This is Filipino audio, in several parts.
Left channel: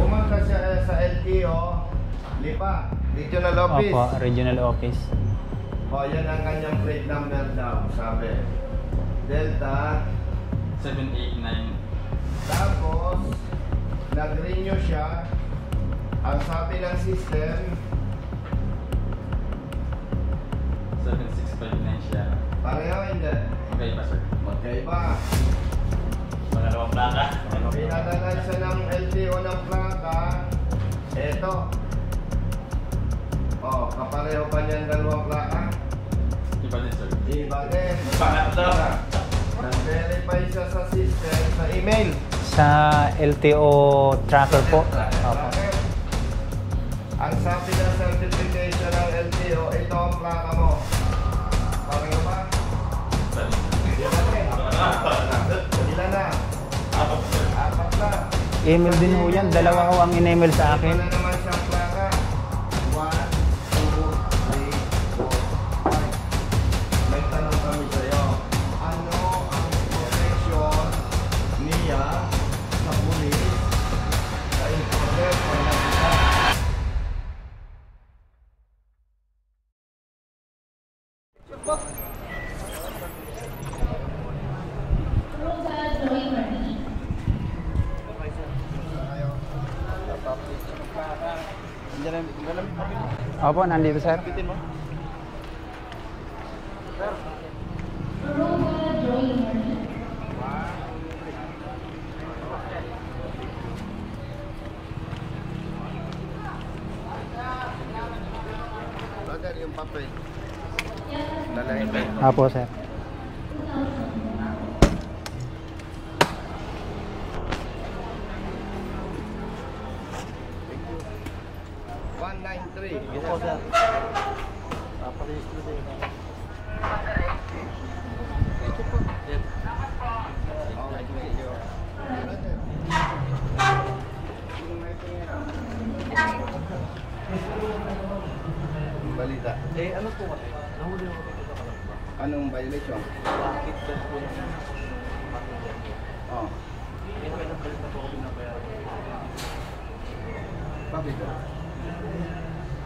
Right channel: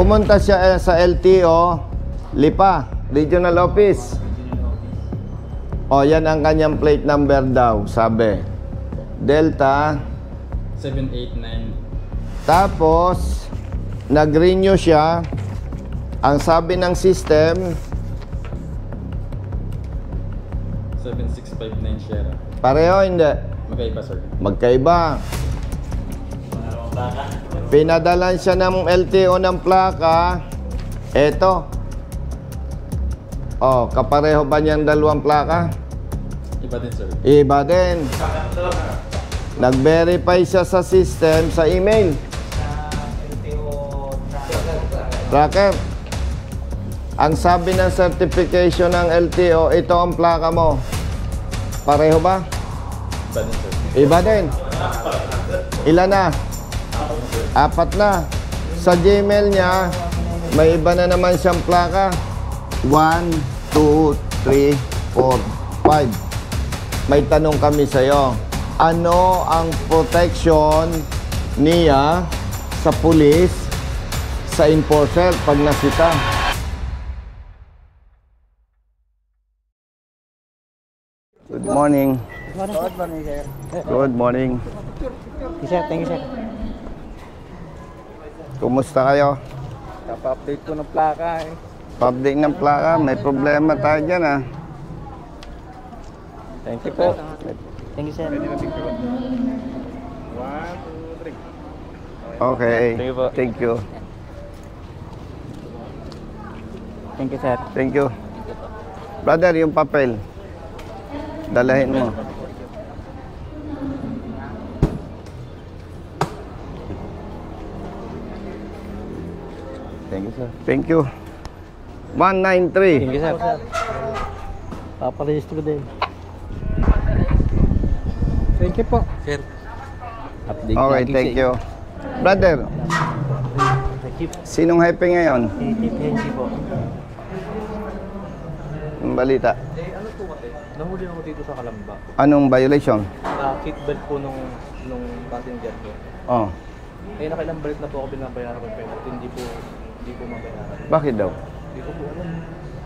Pumunta siya sa LTO, Lipa, Regional Office. Opo, Regional Office. O, yan ang kanyang plate number daw, sabi. Delta 789. Tapos, nag-renew siya. Ang sabi ng system, 7659 siya. pareho, hindi. Magkaiba, sir. Magkaiba. Pinadalan siya ng LTO ng plaka. Eto. Oh, kapareho ba niyang dalawang plaka? Iba din, sir. Iba din. Nag-verify siya sa system, sa email. Sa LTO tracker po. Tracker. Ang sabi ng certification ng LTO, ito ang plaka mo. Pareho ba? Iba din, sir. Iba din. Ilan na? 4 na. Sa Gmail niya, ang in-email sa may akin. iba na naman siyang plaka. 1, 2, 3, 4, 5. May tanong kami sa'yo. Ano ang protection niya sa pulis, sa enforcer pag nakita? Good morning. Good morning, sir. Good morning. Sir, thank you, sir. Kumusta kayo? Kapa-update ko ng plaka eh. Public ng plaka, may problema tayo dyan ha. Thank you po. Thank you, sir. Okay, thank you. Thank you, sir. Thank you. Brother, yung papel. Dalahin mo. Apo, sir. Thank you, sir. Thank you. 193. Thank you, sir. Paparehistro din. Thank you po. Sir. Update Okay, lagi, thank sir. you. Brother, sinong happy ngayon? Ang balita. Eh, ano po kasi? Nahuli ako dito sa Kalamba. Anong violation? Kickback po nung passenger ko. Oh, Eh, nakailang balik na po ako pinabayaran ko pero hindi po mabayaran. bakit daw? Hindi ko po alam.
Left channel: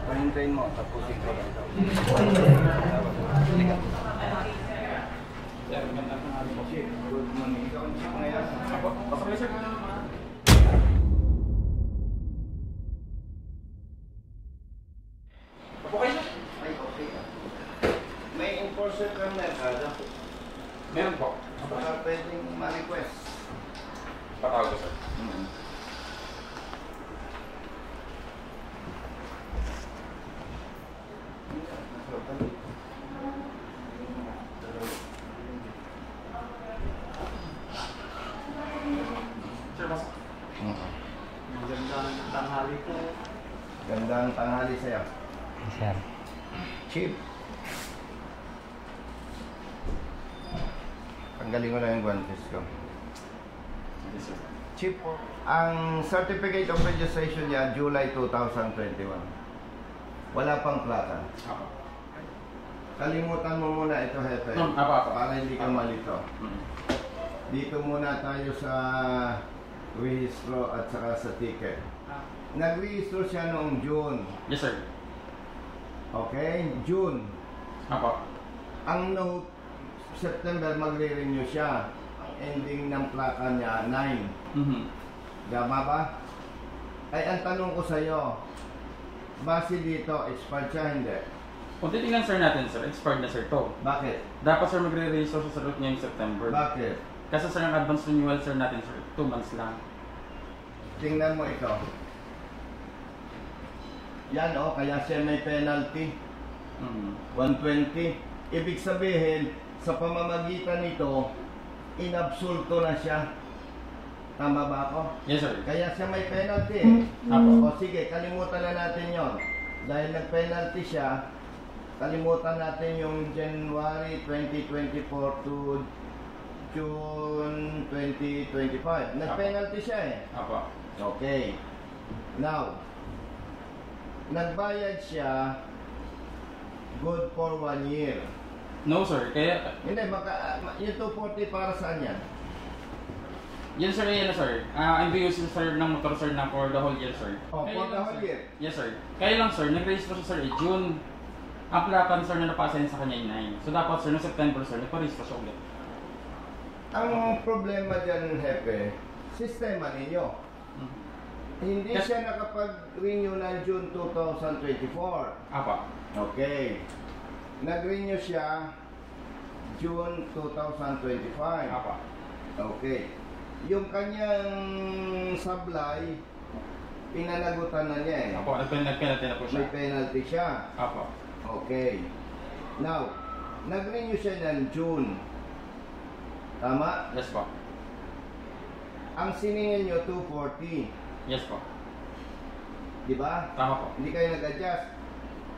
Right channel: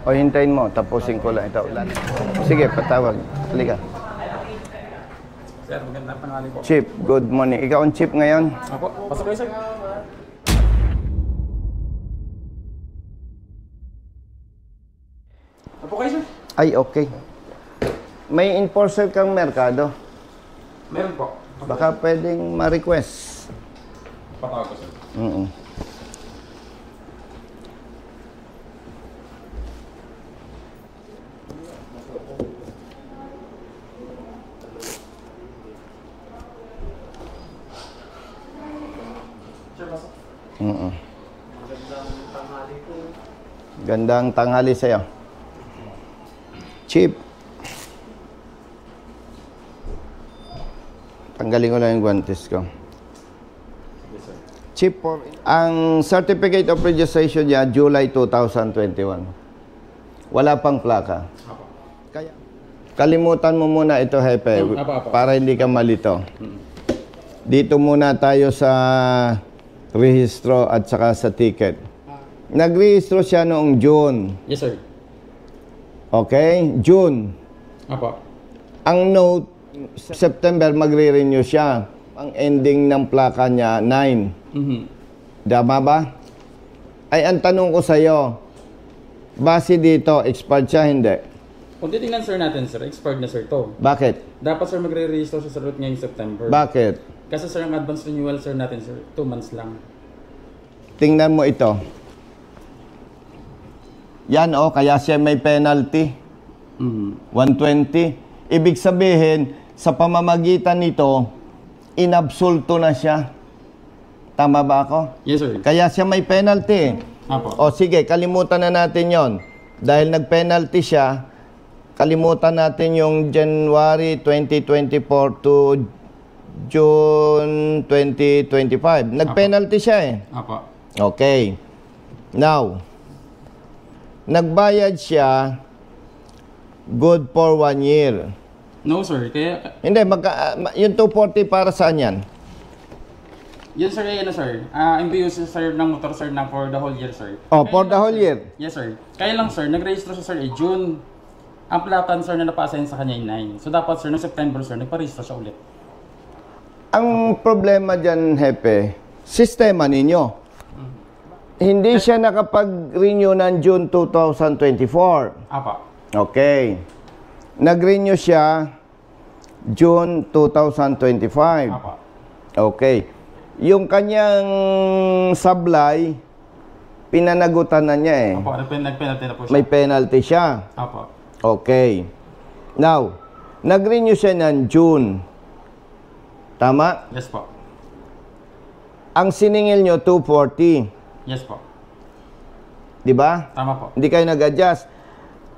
O hintayin mo, tapusin ko lang ito. Sige, patawag. Halika. Sir, magandang pangalan po. Chief, good morning. Ikaw ang chief ngayon? Apo, pasok kayo, sir. Apo kayo, sir. Ay, okay. May enforcer kang merkado. Meron po. Baka pwedeng ma-request. Patawag ko, sir. Sir, pasok. Gandang tanghali sa'yo. Sir. Chief. Tanggalin ko lang yung guantes ko. Chief, ang certificate of registration niya, July 2021. Wala pang plaka. Apo. Kaya, kalimutan mo muna ito, Hepe, Apa. para hindi ka malito. Dito muna tayo sa rehistro at saka sa ticket. Nagrehistro siya noong June. Yes, sir. Okay? June. Apo. Ang note, September magre-renew siya. Ang ending ng plaka niya, 9. Tama ba? Ay, ang tanong ko sa'yo, base dito, expired siya, hindi? Kung titingnan, sir, natin, sir, expired na, sir, to. Bakit? Dapat, sir, magre-register siya sa route ngayong September. Bakit? Kasi, sir, ang advance renewal, sir, natin, sir, 2 months lang. Tingnan mo ito. Yan, oh, kaya siya may penalty. 120. Ibig sabihin, sa pamamagitan nito, inabsulto na siya. Tama ba ako? Yes, sir. Kaya siya may penalty. O sige, kalimutan na natin yon. Dahil nag-penalty siya, kalimutan natin yung January 2024 to June 2025. Nag-penalty siya eh. Apo. Okay. Now, nagbayad siya good for 1 year. No, sir. Kaya, Hindi, yung 240 para saan yan? Yan sir, yan na sir. MBU sir ng motor sir na for the whole year sir. Oh, Kaya for lang, the whole sir. year. Yes sir. Kaya lang sir, nag-register siya sir June. Ang plakan sir na napasa sa kanya ay 9. So dapat sir, noong September sir, nagpa-register siya ulit. Ang problema dyan, Hepe, sistema ninyo. Hindi siya nakapag-renew ng June 2024. Apa. Okay. Nag-renew siya June 2025. Apa. Okay. Yung kanyang sablay, pinanagutan na niya eh. Apa, nag-penalty na po siya. May penalty siya. Apa. Okay. Now, nag-renew siya ng June. Tama? Yes po. Ang siningil nyo, 240. Yes po. Di ba? Tama po. Hindi kayo nag-adjust.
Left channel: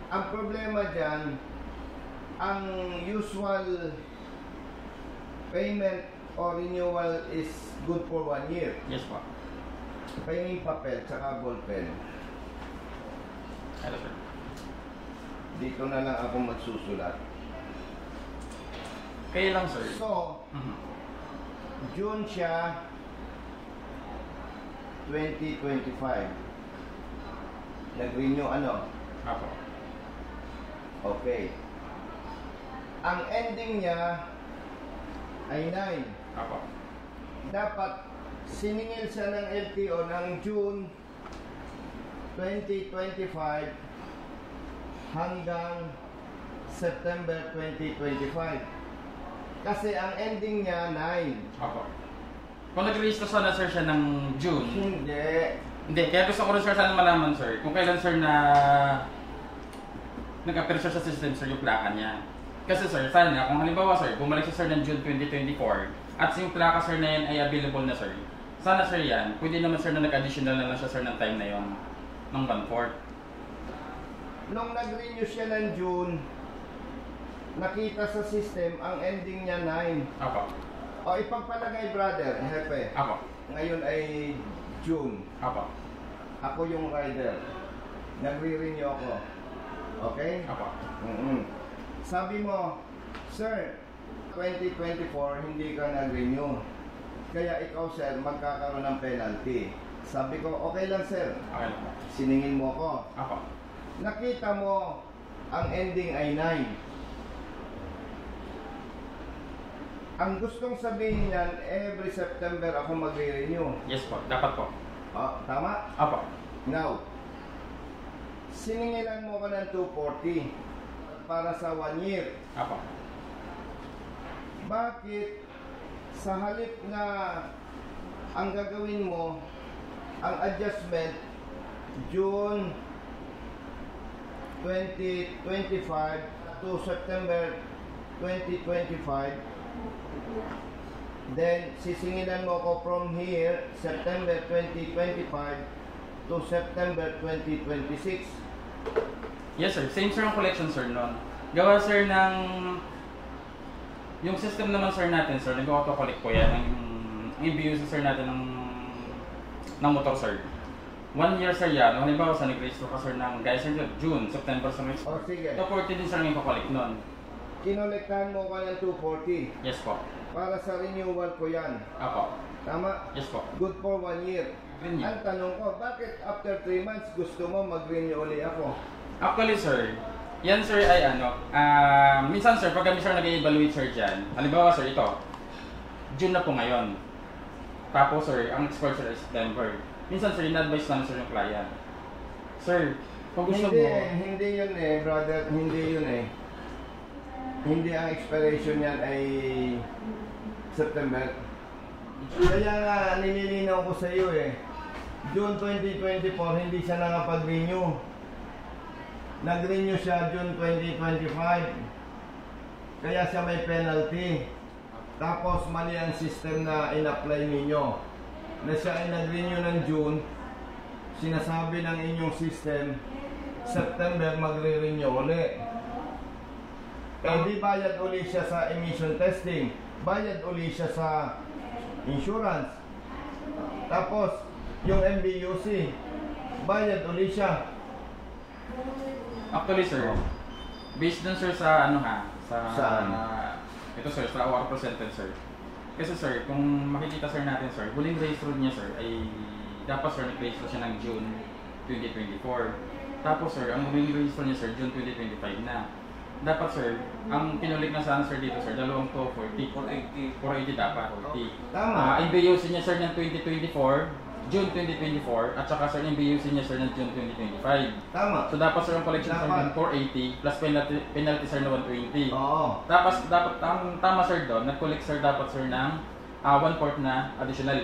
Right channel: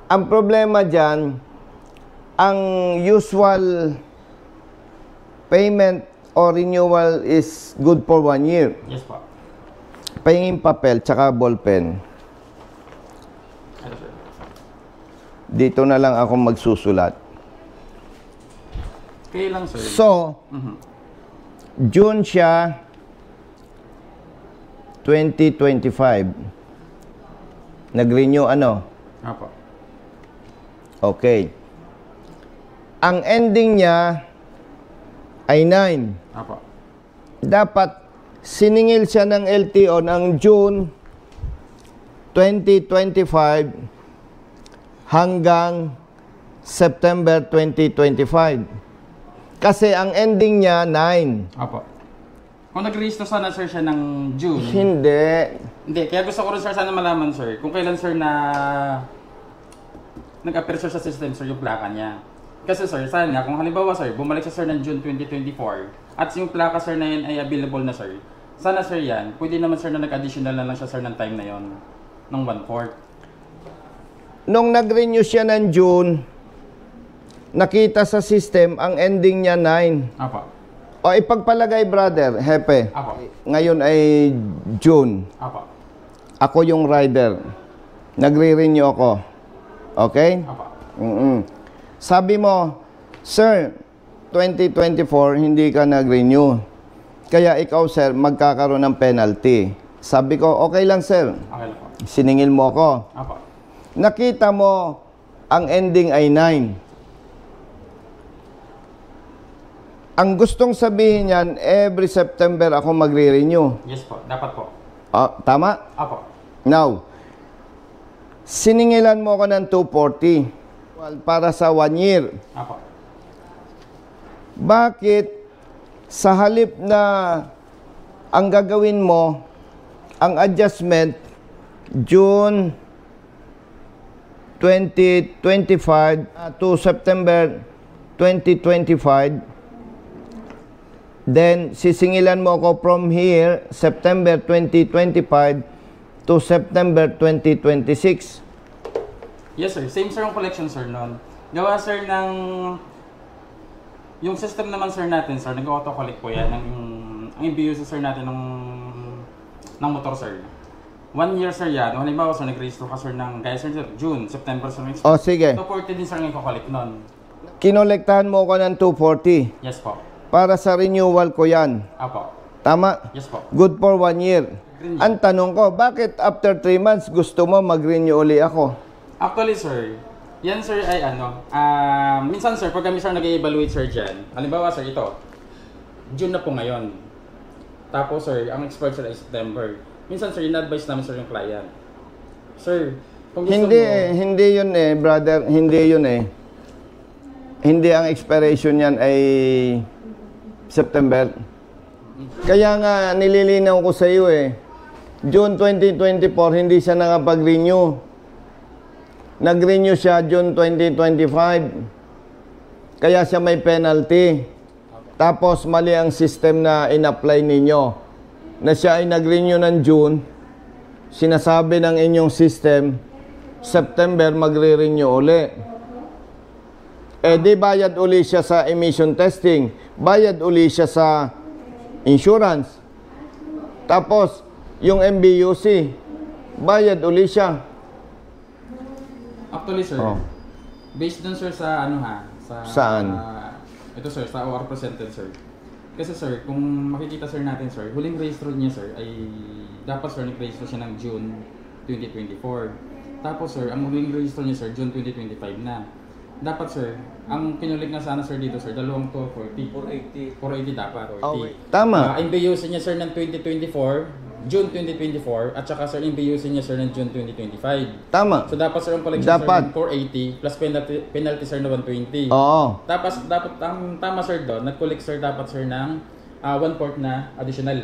Ang problema dyan, ang usual payment or renewal is good for 1 year. Yes po. Pahingin papel, tsaka ballpen. Ito sir. Dito na lang ako magsusulat. Kaya lang sir. So, June siya, 2025. Nag-renew ano? Apa. Okay. Ang ending niya ay 9. Apa. Dapat siningil siya ng LTO ng June 2025 hanggang September 2025. Kasi ang ending niya 9. Apa. Kung nag-register sana sir siya ng June. Hindi. Hindi, kaya gusto ko rin sir sana malaman sir kung kailan sir na nag-appear sir sa system sir yung plaka niya. Kasi sir, sana kung halimbawa sir, bumalik siya sir ng June 2024 at yung plaka sir na yan ay available na sir, sana sir yan, pwede naman sir na nag-additional na lang siya sir ng time na yon ng 1/4. Nung nag-renew siya ng June, nakita sa system ang ending niya 9. Apa. O ipagpalagay brother, Hepe, Apa. ngayon ay June. Apa. Ako yung rider. Nagre-renew ako. Okay? Apa. Sabi mo, Sir, 2024 hindi ka nag-renew. Kaya ikaw sir, magkakaroon ng penalty. Sabi ko, okay lang sir. Okay lang po. Siningil mo ako. Apa. Nakita mo, ang ending ay 9. Ang gustong sabihin niyan, every September ako magre-renew. Yes po, dapat po. Tama? Apa. Now, siningilan mo ako ng 240 para sa 1 year. Apa. Bakit sa halip na ang gagawin mo, ang adjustment, June 2025 to September 2025, then sisingilan mo ako from here, September 2025 to September 2026. Yes sir, same sir ang collection sir noon. Gawa sir ng yung system naman sir natin sir, nag-auto-collect po yan ang IBU sir natin ng motor sir. 1 year sir yan. Halimbawa sir, nag-register ka sir ng kaya sir June, September sir. O sige, 240 din sir ngayon collect noon. kinolektahan mo ko ng 240 Yes po. para sa renewal ko yan. Apo. Tama? Yes po. Good for 1 year. Renew. Ang tanong ko, bakit after 3 months gusto mo mag-renew uli ako? Actually sir, yan sir ay minsan sir, pag kami sir nag-evaluate sir dyan, halimbawa sir ito, June na po ngayon. Tapos sir, ang expert sir ay September. Minsan sir, in-advise namin sir yung client. Sir, kung gusto Hindi mo, hindi yun eh, brother, hindi yun eh. Hindi ang expiration yan ay September. Kaya nga nililinaw ko sa iyo eh. June 2024 hindi siya nakapag-renew. Nag-renew siya June 2025. Kaya siya may penalty. Tapos mali ang system na in-apply ninyo. Na siya ay nag-renew ng June. Sinasabi ng inyong system, September magre-renew uli. Eh di bayad uli siya sa emission testing. Bayad uli siya sa insurance. Tapos, yung MBUC, bayad uli siya. actually sir, Oh. based dun sir sa ano ha, sa Saan? ito sir, sa our presented sir. Kasi sir, kung makikita sir natin sir, huling registro niya sir ay dapat sir nag-registro siya ng June 2024. Tapos sir, ang huling registro niya sir, June 2025 na. Dapat sir, ang kinulik na sana sir dito sir, dalawang to 40. 480 dapat. 40. Okay. Tama. MBUC niya sir ng 2024, June 2024, at saka sir MBUC niya sir ng June 2025. Tama. So dapat sir yung collection Dapat. sir ng 480 plus penalty sir na 120. Oo. Tapos dapat ang tama sir doon, nag-collect sir dapat sir ng 1/4 na additional.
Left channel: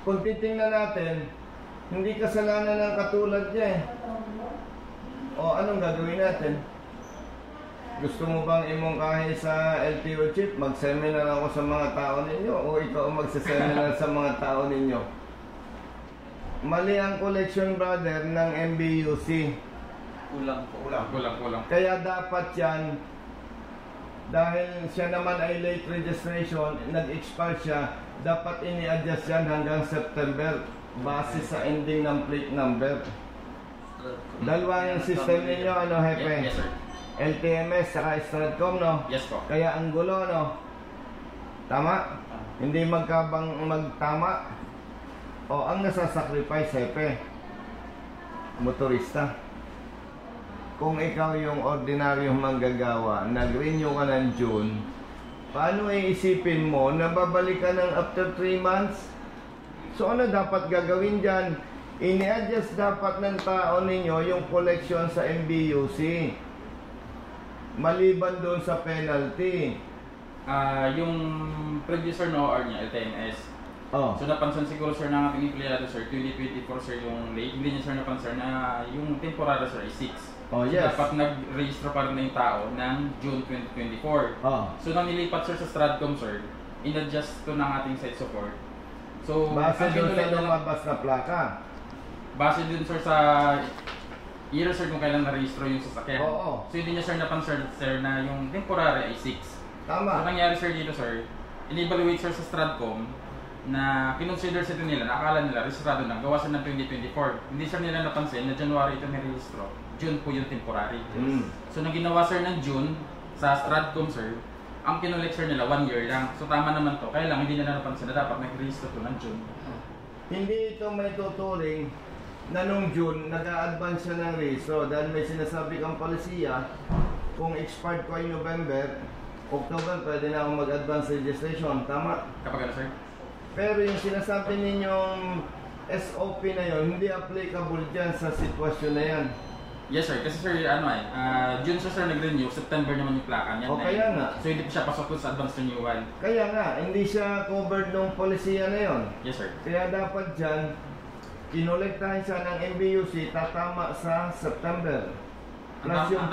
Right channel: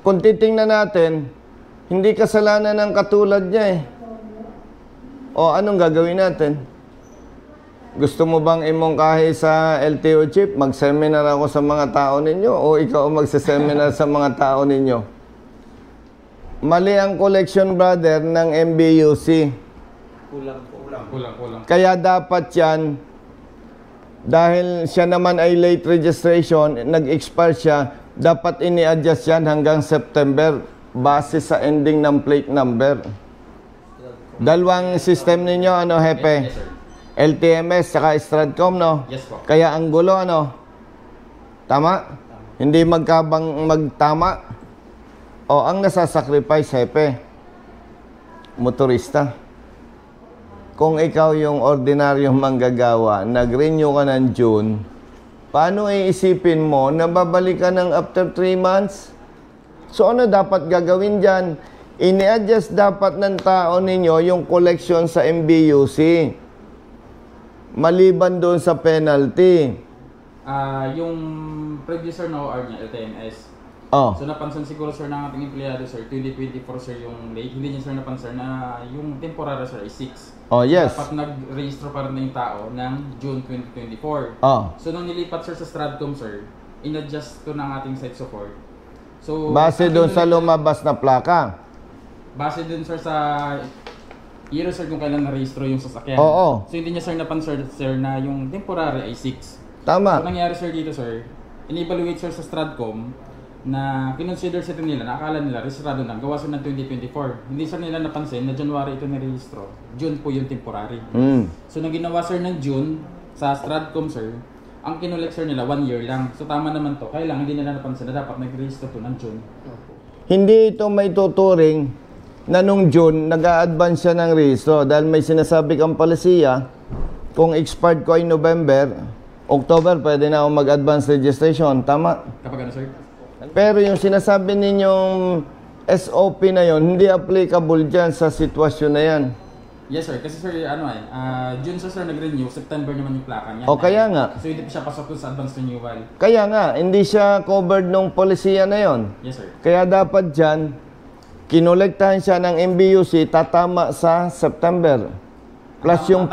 Kung titingnan natin, hindi kasalanan ng katulad niya eh. O anong gagawin natin? Gusto mo bang imongkahi sa LTO chief? Mag-seminar ako sa mga tao ninyo o ikaw mag-seminar sa mga tao ninyo? Mali ang collection brother ng MBUC. Kulang. Kaya dapat yan, dahil siya naman ay late registration, nag-expire siya, dapat ini-adjust yan hanggang September base sa ending ng plate number. Dalawang system ninyo, ano, Hepe? Yes sir. LTMS saka Stratcom, no? Yes po. Kaya ang gulo, ano? Tama? Hindi magtama. O, ang nasasacrifice, Hepe, motorista. Kung ikaw yung ordinaryong manggagawa, nag-renew ka ng June, paano iisipin mo na babalik ka ng after 3 months? So, ano dapat gagawin dyan? Ini-adjust dapat ng tao ninyo yung collection sa MBUC. Maliban doon sa penalty. Yung previous sir no OR niya, LTMS. Oh. So napansin siguro sir ng ating empleyado sir, 2024 sir yung late. Hindi niya sir napansin na yung temporary sir ay 6. Oh, yes. Dapat nag-register pa rin na yung tao ng June 2024. Oh. So nang nilipat sir sa Stratcom sir, in-adjust to ng ating site support. So Base doon sa lumabas na plaka. Base dun sir sa year sir kung kailan na-registro yung sasakyan. Oo. So hindi niya sir napansin sir na yung temporary ay 6. So Tama. nangyari sir dito sir, in-evaluate sir sa Stratcom na kinonsider sa nila, nakakala nila registrado lang, gawa sir ng 2024. Hindi sir nila napansin na January ito nirehistro. June po yung temporary. So nang ginawa sir ng June sa Stratcom sir, ang kinolek sir nila 1 year lang. So tama naman to. Kaya lang hindi nila napansin na dapat nag-register to ng June. Hindi ito may tuturing na nung June, nag-a-advance siya ng rehistro dahil may sinasabi kang palisiya, kung expired ko ay November, October, pwede na ako mag-advance registration. Tama? Kapag ano sir? Pero yung sinasabi ninyong SOP na yon hindi applicable dyan sa sitwasyon na yan. Yes sir, kasi sir June sir nag-renew, September naman yung plaka niya. O kaya nga. So hindi siya pasok sa advance renewal. Kaya nga, hindi siya covered nung polisiya na yon. Yes sir. Kaya dapat dyan, kinolektahan siya ng MBUC, tatama sa September. Plus yung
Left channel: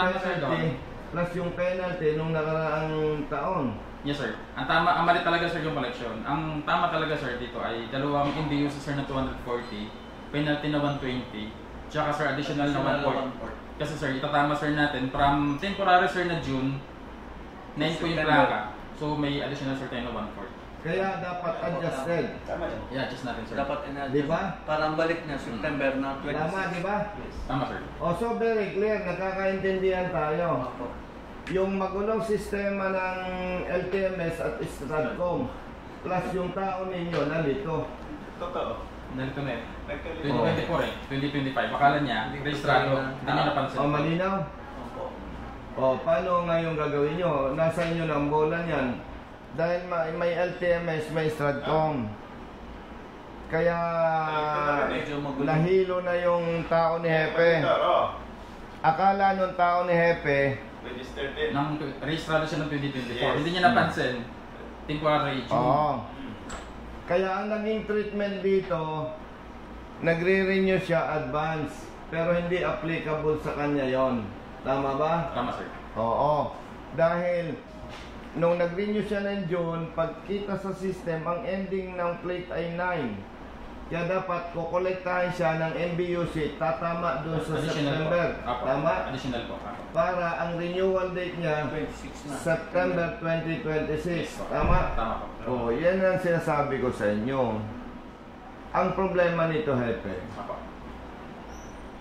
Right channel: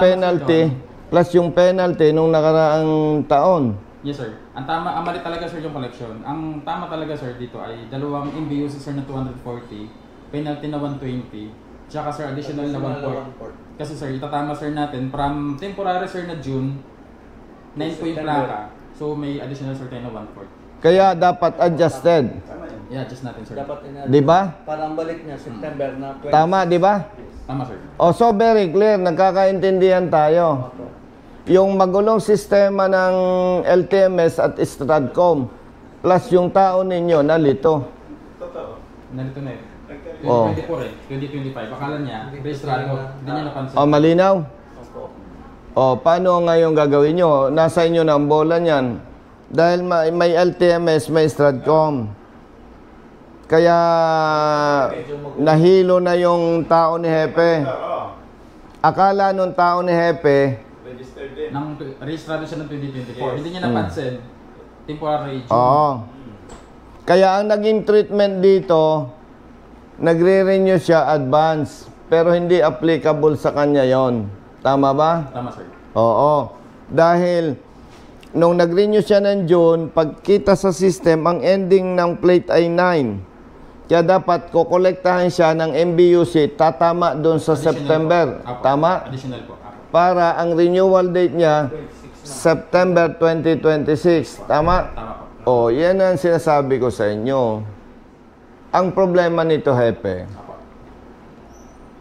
penalty nung nakaraang taon. Yes sir. Ang mali talaga sir yung collection. Ang tama talaga sir dito ay dalawang MBUC sir na 240, penalty na 120, tsaka sir additional na 1/4. Kasi sir, itatama sir natin from temporary sir na June, 9 point plaka. So may additional sir tayo na 1/4. Kaya dapat adjusted. Yeah, adjust natin sir. Dapat Di ba? Para ang balik niya, September na 20. Tama, di ba? Tama sir. O, so very clear, nagkakaintindihan tayo. Yung magulong sistema ng LTMS at Stratcom plus yung tao ninyo nalito. Nalito na yun. Oh. 2024 2025. Akala niya, registrado. Hindi niya napansin. O, malinaw? O, paano ngayon gagawin nyo? Nasa inyo na ang bola niyan. Dahil may LTMS, may Stratcom. Kaya nahilo na yung tao ni Hepe. Akala nung tao ni Hepe, Registrado siya ng 2024. Hindi niya napansin. Temporary June. oo. Kaya ang naging treatment dito, nagre-renew siya advance. Pero hindi applicable sa kanya yon. Tama ba? Tama sir. Oo. Dahil nung nag-renew siya ng June, pagkita sa system, ang ending ng plate ay 9. Kaya dapat kukolektahan siya ng MBUC, tatama doon sa Additional September. po. Apo. Tama? Additional po. Apo. Para ang renewal date niya, September 2026. Tama? Tama O, po. yan ang sinasabi ko sa inyo. Ang problema nito, Hepe, Apo.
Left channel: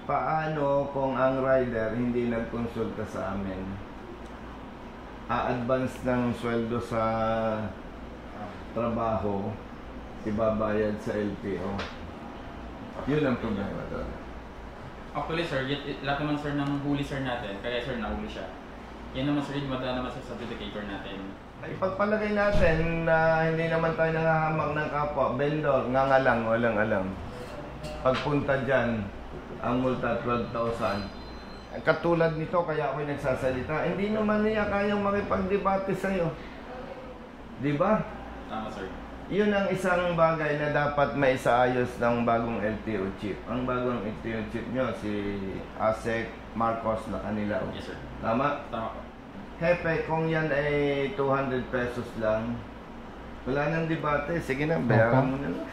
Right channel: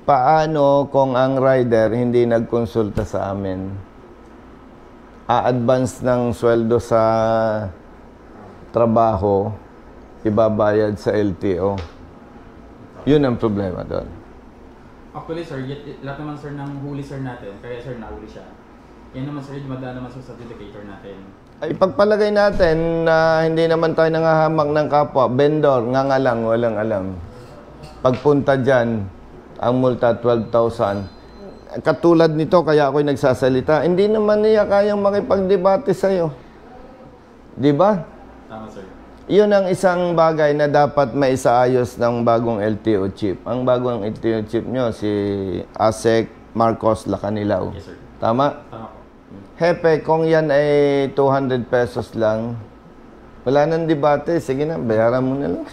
paano kung ang rider hindi nagkonsulta sa amin? A-advance ng sweldo sa trabaho, ibabayad sa LTO. Yun ang problema doon. Actually, sir, lahat naman, sir, ng huli, sir, natin, kaya, sir, nahuli siya. Yan naman, sir, dumadaan naman sa certificator natin. Ay, pagpalagay natin na hindi naman tayo nangahamak ng kapwa, vendor, nga lang, walang alam. Pagpunta dyan, ang multa 12,000. Katulad nito, kaya ako'y nagsasalita, hindi naman niya kayang makipagdebate sa'yo. Di ba? Tama, sir. Yun ang isang bagay na dapat maisaayos ng bagong LTO chief. Ang bagong LTO chief nyo, si Asek Marcos Lacanilaw. Yes, sir. Tama? Tama po. Hepe, kung yan ay 200 pesos lang, wala nang debate. Sige na, bayaran mo na lang.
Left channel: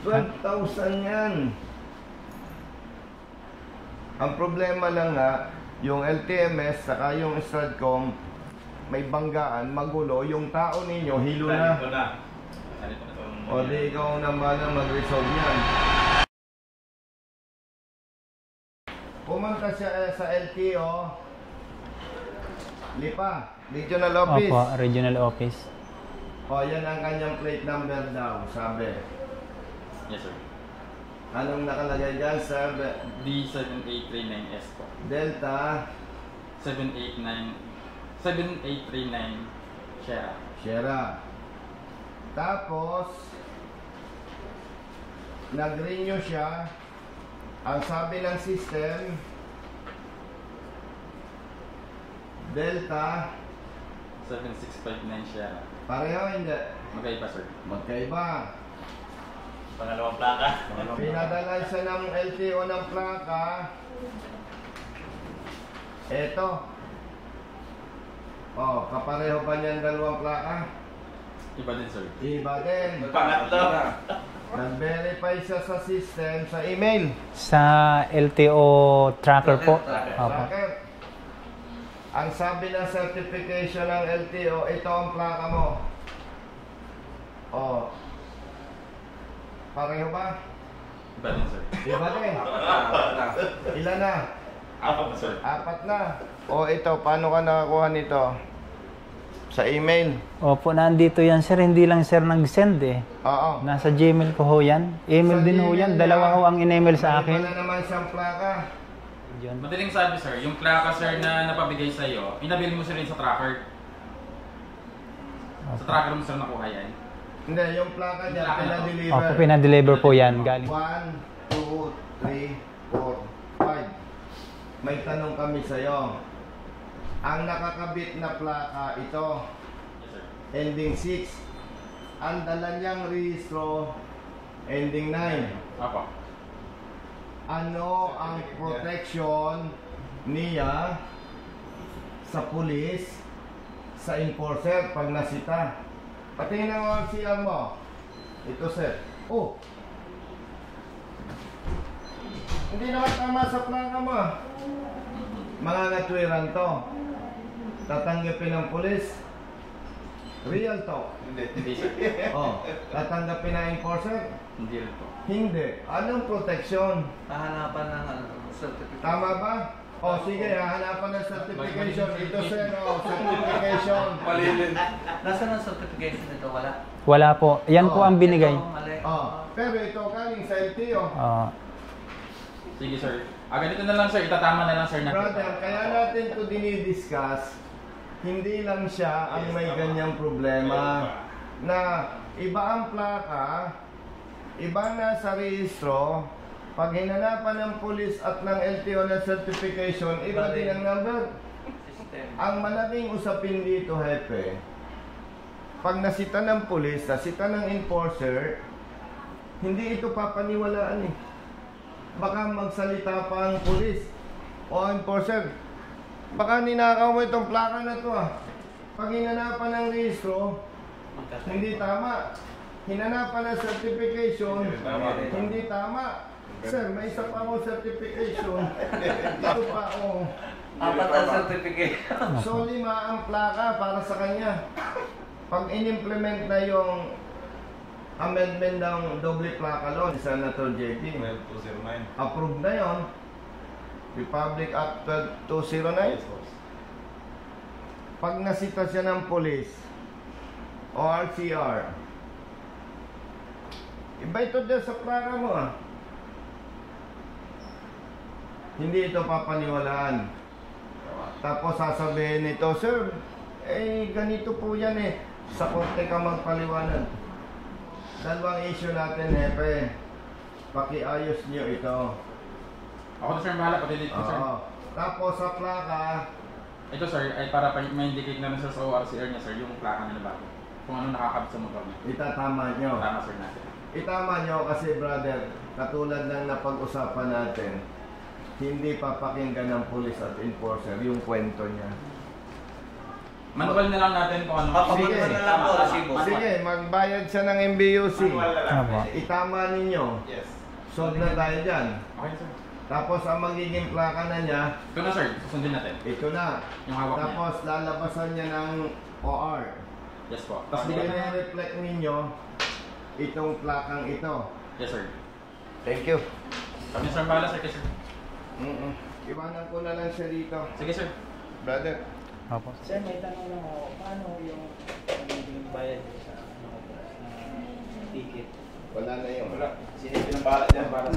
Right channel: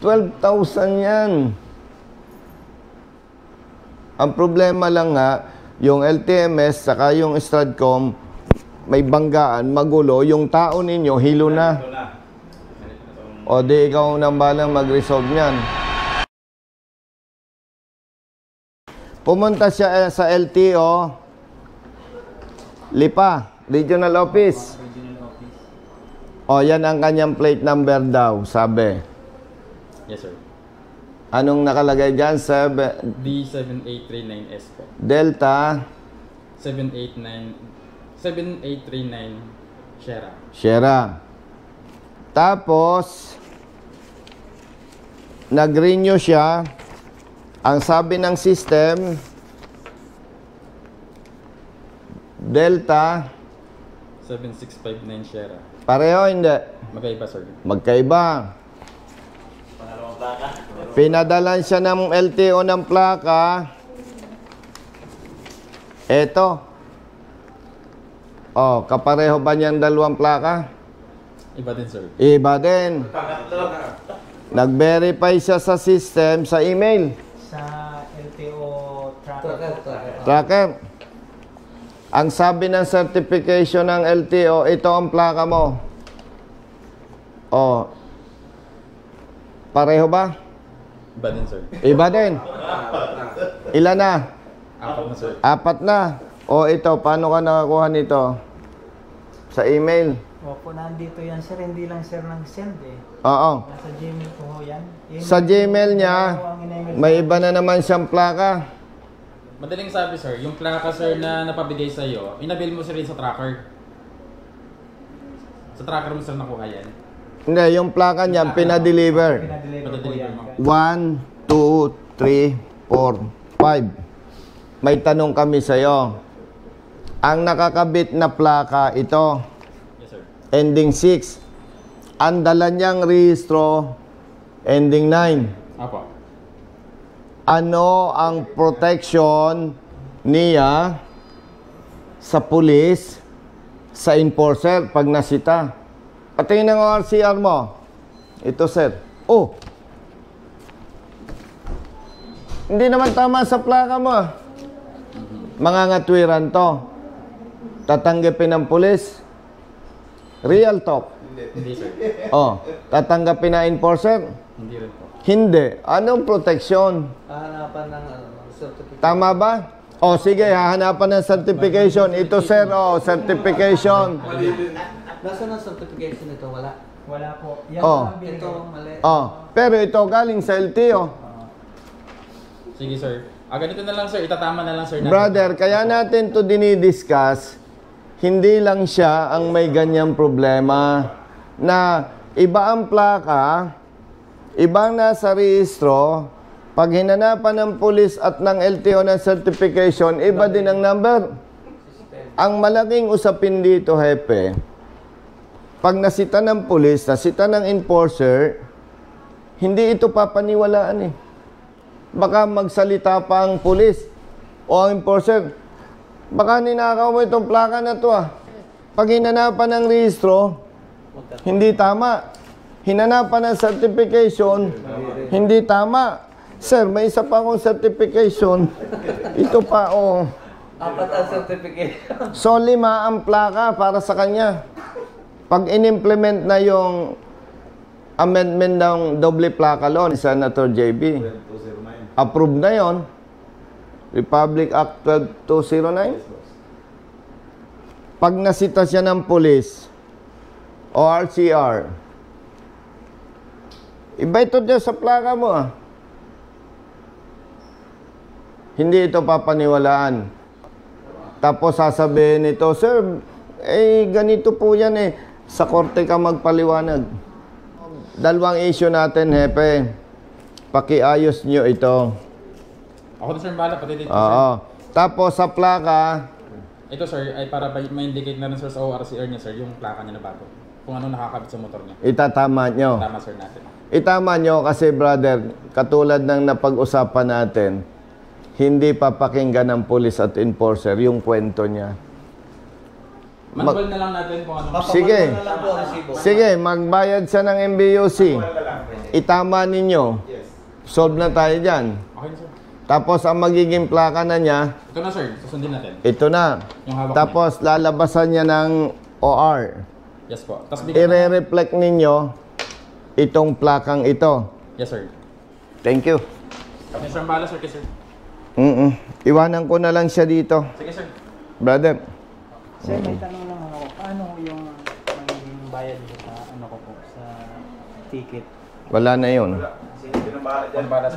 12,000 yan. Ang problema lang nga, yung LTMS saka yung Stratcom, may banggaan, magulo, yung tao ninyo, hilo na. O di ikaw nang balang mag-resolve yan. Pumunta siya sa LTO, Lipa, Regional Office. Opo, regional office. O yan ang kanyang plate number daw, sabi. Yes, sir. Anong nakalagay dyan? D7839S po. Delta 7839 Sierra. Sierra. Tapos, nag-renew siya. Ang sabi ng system, Delta, 7659 Sierra. pareho hindi? Magkaiba, sir. Magkaiba. Pinadalan siya ng LTO ng plaka. Eto. Oh, kapareho ba niyan dalawang plaka? Iba din, sir. Iba din. Nag-verify siya sa system, sa email. Sa LTO tracker po. Opo. Tracker. Ang sabi ng certification ng LTO, ito ang plaka mo. Oh. Pareho ba? Iba din, sir. Iba din. Ilan na? Apat na, sir. Apat na. O ito, paano ka nakakuha nito? Sa email? Opo, nandito yan sir. Hindi lang sir nag-send eh. Oo. Nasa Gmail ko ho yan. Email Sa din ho Gmail yan. niya, Dalawa ho ang in-email sa may akin. iba na naman siyang plaka. Madaling sabi, sir, yung plaka, sir, na napabigay sa iyo, inabil mo, sir, rin sa tracker. Sa tracker mo, sir, nakuha yan. Hindi, yung plaka niya, pinadeliver. Opo, pinadeliver po yan. 1, 2, 3, 4, 5. May tanong kami sa'yo. Ang nakakabit na plaka, ito, Yes, sir. ending 6. Ang dala niyang rehistro, ending 9. Apo. Ano ang protection niya sa pulis, sa enforcer pag nasita? Patingin ang RCR mo. Ito, sir. Oh! Hindi naman tama sa plaka mo. Mangangatwiran to. Tatanggapin ng pulis. Real talk. Hindi, sir. Oh, tatanggapin na enforcer? Hindi rin po. Hindi. Anong protection? Hahanapan ng certificate. Tama ba? O sige, hahanapan ng certification. Ito sir, certification. Nasaan ang certification nito? Wala. Wala po. Yan Oh. po ang binigay. Ito, mali. Pero ito galing sa LTO. Sige, sir. Ganito na lang, sir. Itatama na lang, sir. Brother, kaya natin to dinidiscuss, hindi lang siya ang may ganyang problema na iba ang plaka, ibang nasa rehistro, pag hinanapan ng pulis at ng LTO ng certification, iba din ang number. Ang malaking usapin dito, hepe, pag nasita ng pulis, nasita ng enforcer, hindi ito papaniwalaan eh. Baka magsalita pa ang pulis o ang enforcer, baka ninakaw mo itong plaka na to ah. Pag hinanapan ng rehistro, hindi tama. Hinanapan ng certification, hindi tama. Sir, may isa pa akong certification. Ito pa, oh. Apat ang certification. So, 5 ang plaka para sa kanya. Pag in-implement na yung amendment ng doble plaka law ni Senator JB, approved na yon. Republic Act 12209. Pag nasita siya ng police o RCR, Iba ito dyan sa plaka mo ah. Hindi ito papaniwalaan. Tapos sasabihin nito, sir, ganito po yan eh. Sa korte ka magpaliwanag. Dalawang issue natin, Hepe. Pakiayos nyo ito. Ako to sir, bahala pati dito Oo. sir. Tapos sa plaka, Ito sir, ay para ma-indicate na rin sir sa ORCR niya sir, yung plaka niya na bago. Kung ano nakakabit sa motor niya. itatama nyo. Tama sir natin. Itama nyo kasi brother, katulad ng napag-usapan natin, hindi papakinggan ng police at enforcer yung kwento niya. Manual na lang natin kung ano. Sige. Sige, magbayad siya ng MBUC. Itama ninyo. Solve na tayo dyan. Okay sir. Tapos ang magiging plaka na niya, Ito na sir, susundin natin. ito na. Yung hawak Tapos lalabasan niya ng OR. Yes po. Tapos I-reflect ninyo itong plakang ito. Yes sir. Thank you. Kami sir, bahala sir, sir. Iwanan ko na lang siya dito. Sige sir. Brother. Opo. Sir, may tanong lang ako. Paano yung bayad niyo sa ano ko po, sa ticket? Wala na yun.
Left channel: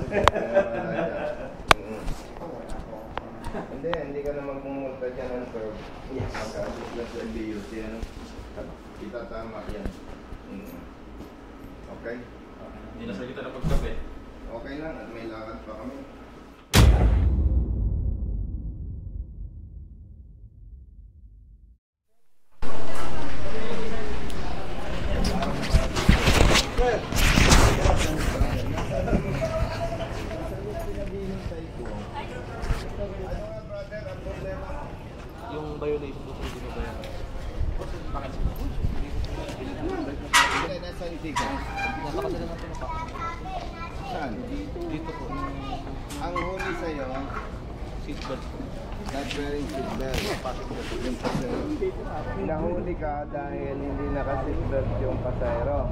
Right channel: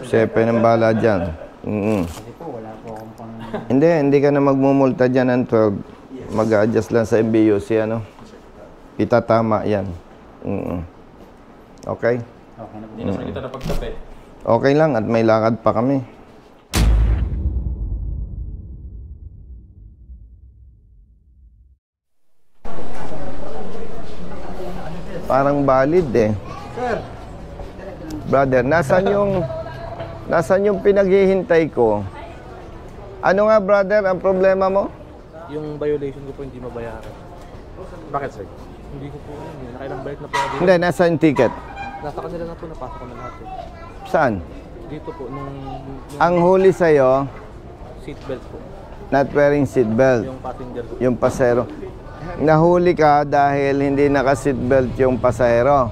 Sepe ng bala dyan. Kasi po, wala po akong pang... Hindi ka na magmumulta dyan ng 12. Mag-adjust lang sa MBUC, ano? Itatama yan. Okay? Okay na. Hindi na sir kita na pagkape. Okay lang at may lakad pa kami. Parang valid eh. Brother, nasan yung pinaghihintay ko? Ano nga brother, ang problema mo? Yung violation ko po hindi mabayaran. Bakit sir? Hindi ko po, nakailang balik na po. Hindi, nasa yung ticket? Nasa kanila na po, napasok ko na natin. Saan? Dito po, nung Ang huli sa'yo, seatbelt po. not wearing seatbelt. Passenger po. Yung pasero. Nahuli ka dahil hindi naka-seatbelt yung pasahero.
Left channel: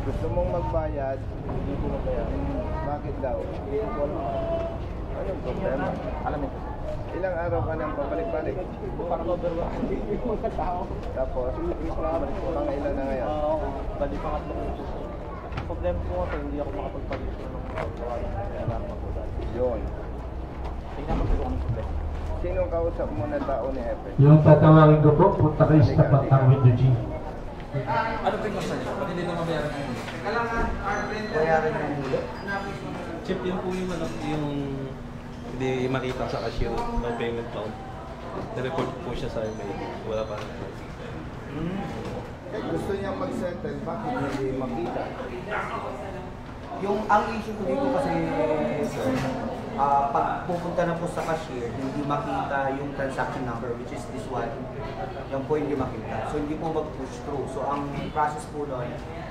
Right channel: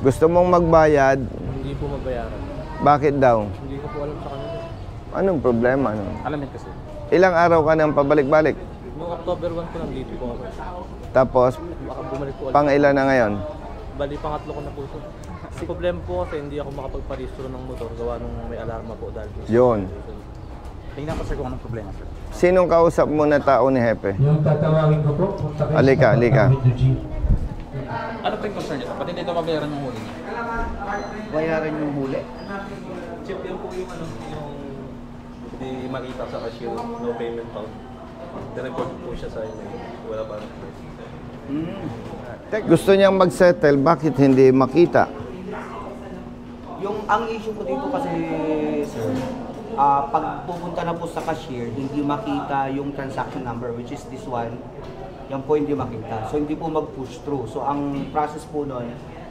Gusto mong magbayad, Hindi po mabayaran. bakit daw? Hindi ko po alam sa kanila. Anong problema? Alam mo kasi. Ilang araw ka nang pabalik-balik? October 1 ko lang dito po. Tapos, Bumalik po. pang ilan na ngayon? Bali, pangatlo ko na po. Kasi problema po kasi hindi ako makapagparehistro ng motor gawa nung may alarma po dahil. Yun. Tingnan ko sir kung anong problema sir. Sinong kausap mo na tao ni Hepe? Yung tatawagin ko po, punta kayo Halika, sa halika. Avenue G. Ano po yung concern nito? Pati hindi na mabayaran yung huli. Bayaran yung huli? Chip din po yung ano, yung hindi makita sa cashier, no payment count. Na-report po siya sa wala pa. Gusto niyang mag-settle, bakit hindi makita? Ang issue ko dito kasi, sir, pag pupunta na po sa cashier, hindi makita yung transaction number, which is this one. Yan po hindi makita. So hindi po mag-push through. So ang process po nun,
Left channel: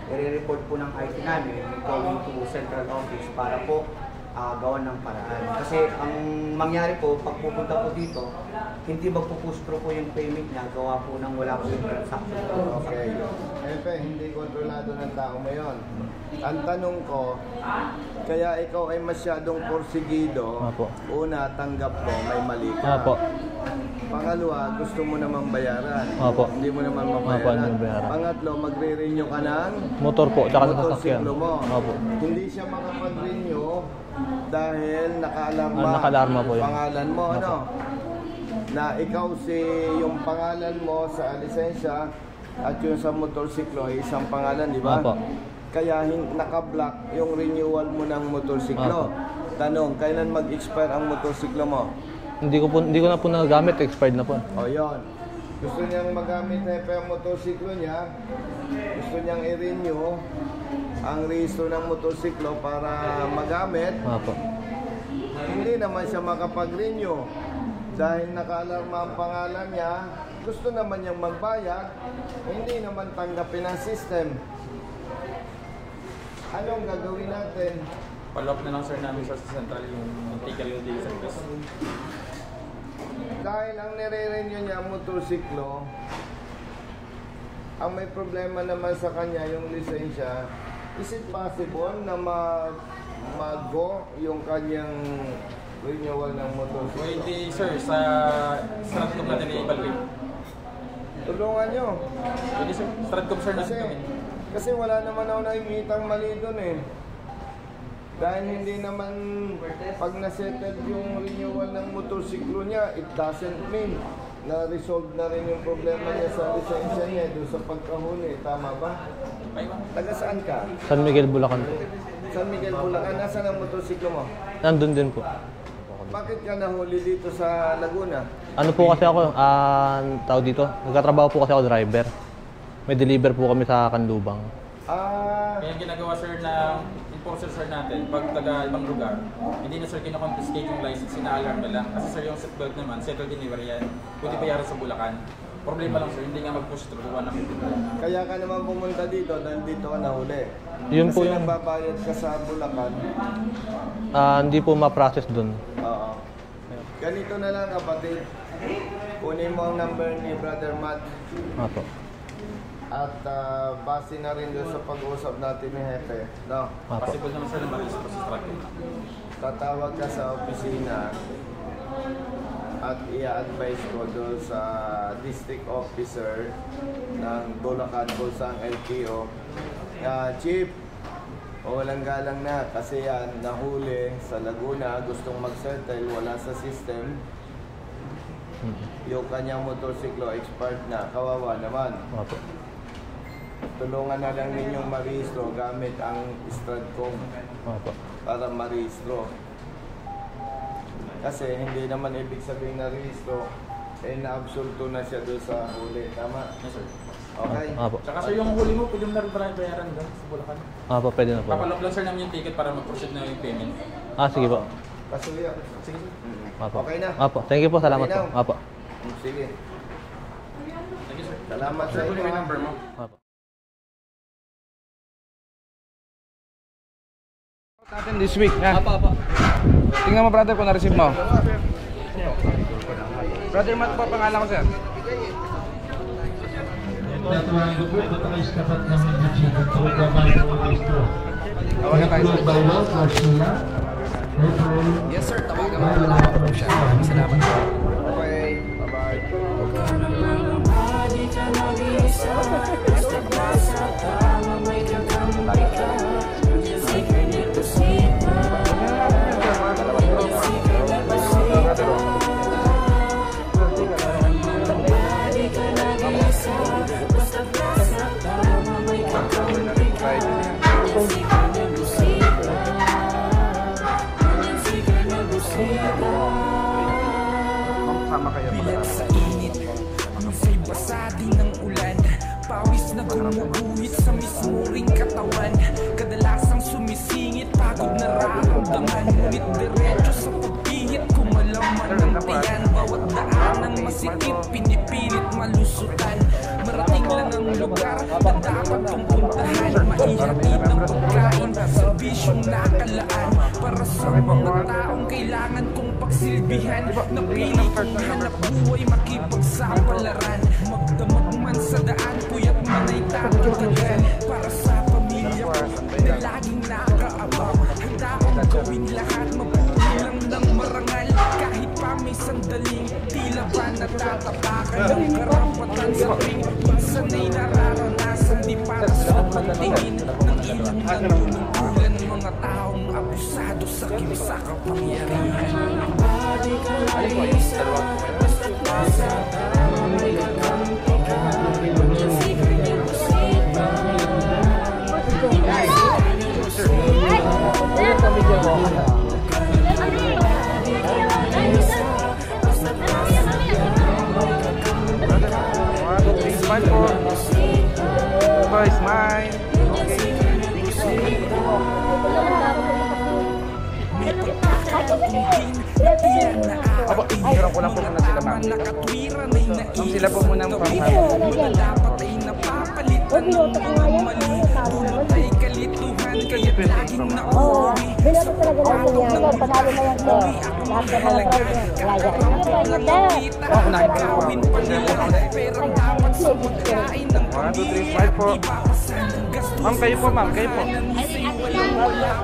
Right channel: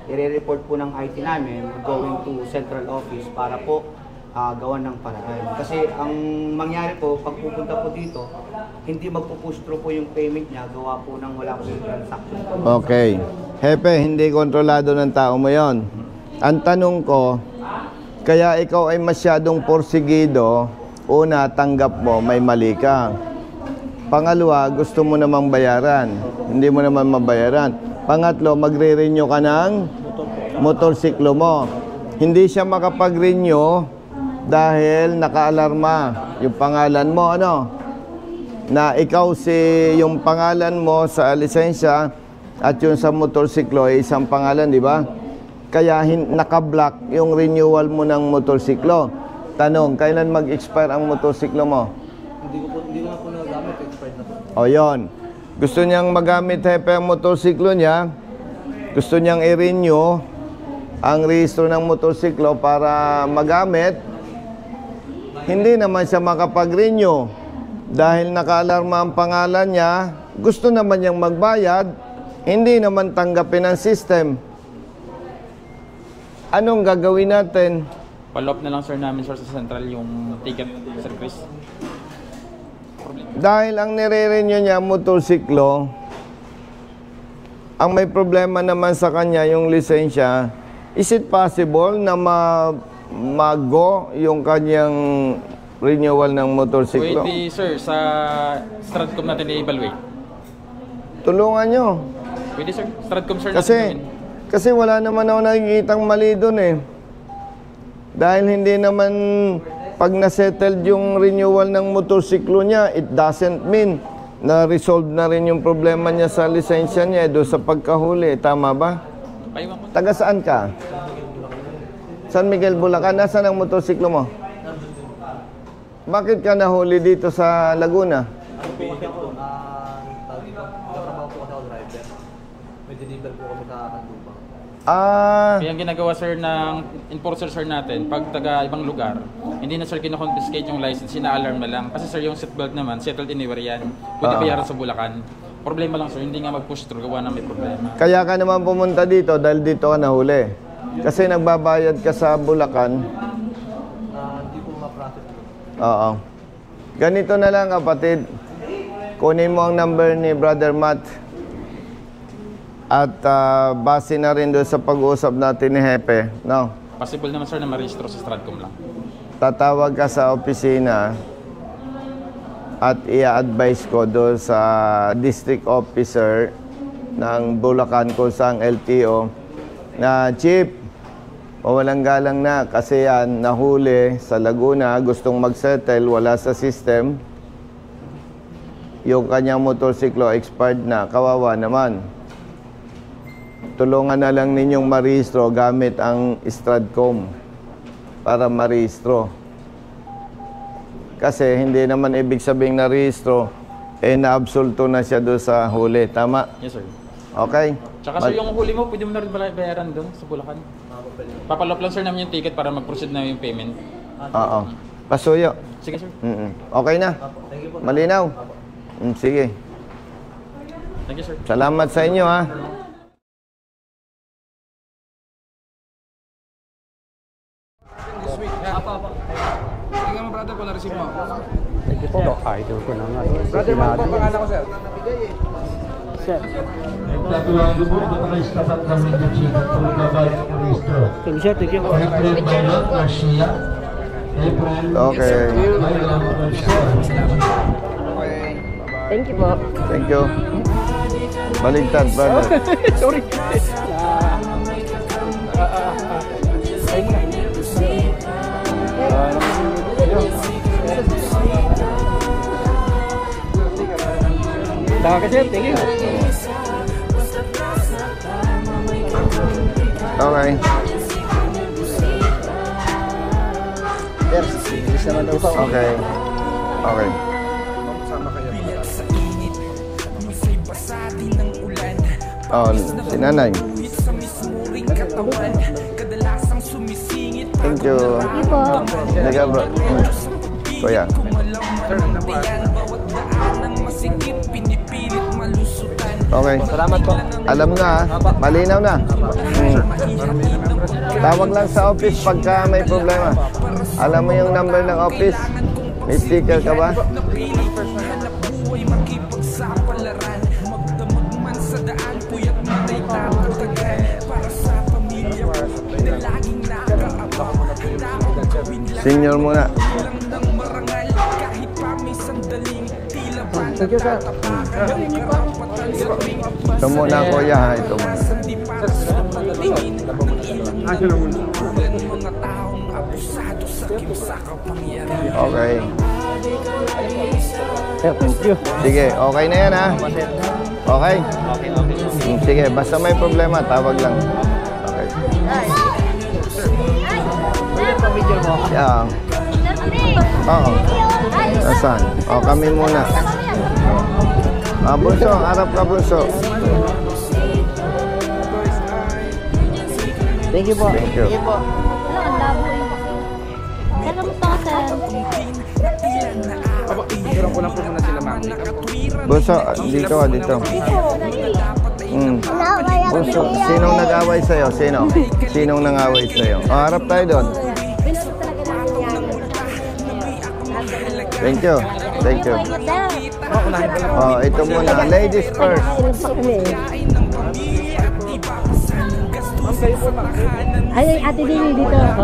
i-report po ng IT namin, going to central office para po gawan ng paraan. Kasi ang mangyari po, pag pupunta po dito, hindi magpo-push through po yung payment niya, gawa po ng wala po yung transaction. Okay. Hepe, hindi kontrolado ng tao mo yon. Ang tanong ko, kaya ikaw ay masyadong porsigido, una, tanggap mo, may mali ka. Pangalawa, gusto mo namang bayaran. Opo. Hindi mo naman mabayaran. Pangatlo, magre-renew ka ng Motor po. Tsaka motorsiklo mo. Opo. Hindi siya makapag-renew dahil naka-alarma Naka-alarma yung po pangalan mo, ano? Na ikaw yung pangalan mo sa lisensya at yung sa motorsiklo ay isang pangalan, di ba? Opo. Kaya naka-block yung renewal mo ng motorsiklo. Tanong, kailan mag-expire ang motorsiklo mo? Hindi ko na po nagagamit, expired na po. O yon. Gusto niyang magamit Hepe ang motorsiklo niya. Gusto niyang i-renew ang rehistro ng motorsiklo para magamit. Opo. Hindi naman siya makapag-renew dahil naka-alarma ang pangalan niya. Gusto naman niyang magbayad, hindi naman tanggapin ang system. Anong gagawin natin? Follow up na lang sir namin sir sa central yung ticket sir Chris. Dahil ang nire-renew niya motorsiklo, ang may problema naman sa kanya yung lisensya, is it possible na mag-go yung kanyang renewal ng motorsiklo? Pwede sir, sa Stratcom natin i-evaluate. Tulungan nyo. Pwede sir, Stratcom sir Kasi natin. Kasi wala naman ako nakikitang mali doon eh. Dahil hindi naman pag nasettled yung renewal ng motorsiklo niya, it doesn't mean na resolve na rin yung problema niya sa lisensya niya doon sa pagkahuli. Tama ba? Taga saan ka? San Miguel, Bulacan. San Miguel, Bulacan. Nasaan ang motorsiklo mo? Nandun din po. Bakit ka nahuli dito sa Laguna? Ano po kasi ako, tao dito, nagkatrabaho po kasi ako driver. May deliver po kami sa Kanlubang. Kaya ang ginagawa sir ng enforcer sir natin, pag taga ibang lugar, hindi na sir kina-confiscate yung license, ina-alarm na lang. Kasi sir yung seatbelt naman, settled anywhere yan. Pwede bayaran sa Bulacan. Problema lang sir, hindi nga mag-push through, gawa na may problema. Kaya ka naman pumunta dito dahil dito ka nahuli. Kasi nagbabayad ka sa Bulacan. Hindi po ma-process dun. Oo. Ganito na lang kapatid. Kunin mo ang number ni Brother Matt. Apo. At base na rin doon sa pag-uusap natin ni Hepe. No? Possible naman sir na ma-registro sa Stratcom lang. Tatawag ka sa opisina at i-advise ko doon sa district officer ng Bulacan kung saan LTO na Chief, walang galang na kasi yan nahuli sa Laguna, gustong mag-settle, wala sa system. Yung kanyang motorsiklo expired na, kawawa naman. Tulungan na lang ninyong marehistro gamit ang Stratcom para marehistro. Kasi hindi naman ibig sabing narehistro, naabsulto na siya doon sa huli. Tama? Yes sir. Okay? Tsaka sir, yung huli mo, pwede mo na rin bayaran doon sa Bulacan. Pwede na po. Papalop lang sir namin yung ticket para mag-proceed na yung payment. Sige po. Pasuyo. Sige sir. Okay na? Thank you po. Salamat. Malinaw? Apo. Sige. Thank you sir. Salamat sa inyo ha. This week, ha? Tingnan mo, brother, kung na-receive mo. Brother, man po, pangalan ko, sir. Natuwang lubog na naka-istatat ng Medici at tumagabay ng Maestro. Okay. Yes, sir. Tawagan mo na lang po siya. Maraming salamat po. Okay. Bye-bye. Thank you po. Thank you. Baliktad, brother. Sorry. Okay. Okay. Okay. Bilat sa init, minsan basa din ng ulan. Pawis na bumubuhit sa mismo ring katawan. Kadalasang sumisingit, pagod nararamdaman. Diretso sa pagpigit, kumalaman ng tiyan. Bawat daan ng masikip, pinipilit malusutan. Okay. Salamat po. Alam na, malinaw na. Tawag lang sa office pagka may problema. Alam mo yung number ng office? May sticker ka ba? Napili kong hanap buhay, makipagsapalaran. Magdamag man sa daan, puyat man ay tatatagan. Para sa pamilya ko, na laging nakaabang. Handa akong gawin lahat, Senior muna. Ilang ng marangal. Kahit pa may sandaling, tila ba natatapakan ng karapatan sa ring. Ito muna, kuya. Naranasan di para sa pagtingin ng ilang nanunungkulan. Mga taong abusado sa kimsa kapangyarihan. Okay. Sige, okay na yan ha. Okay? Sige, basta may problema, tawag lang. Yeah. Oo. Nasaan? O, kami muna. Bunso, harap ka, Bunso. Thank you po. Thank you. May pagkakataon din na tila naaapihan. ko lang po muna sila, ma'am. Bunso, dito ka, dito. Bunso, sinong nag-away sa'yo? Sino? Sinong nang-away sa'yo? Harap tayo doon. Thank you. Thank you. Ito muna. Ladies first. kayo pa ba? Ay, ate din motor ko.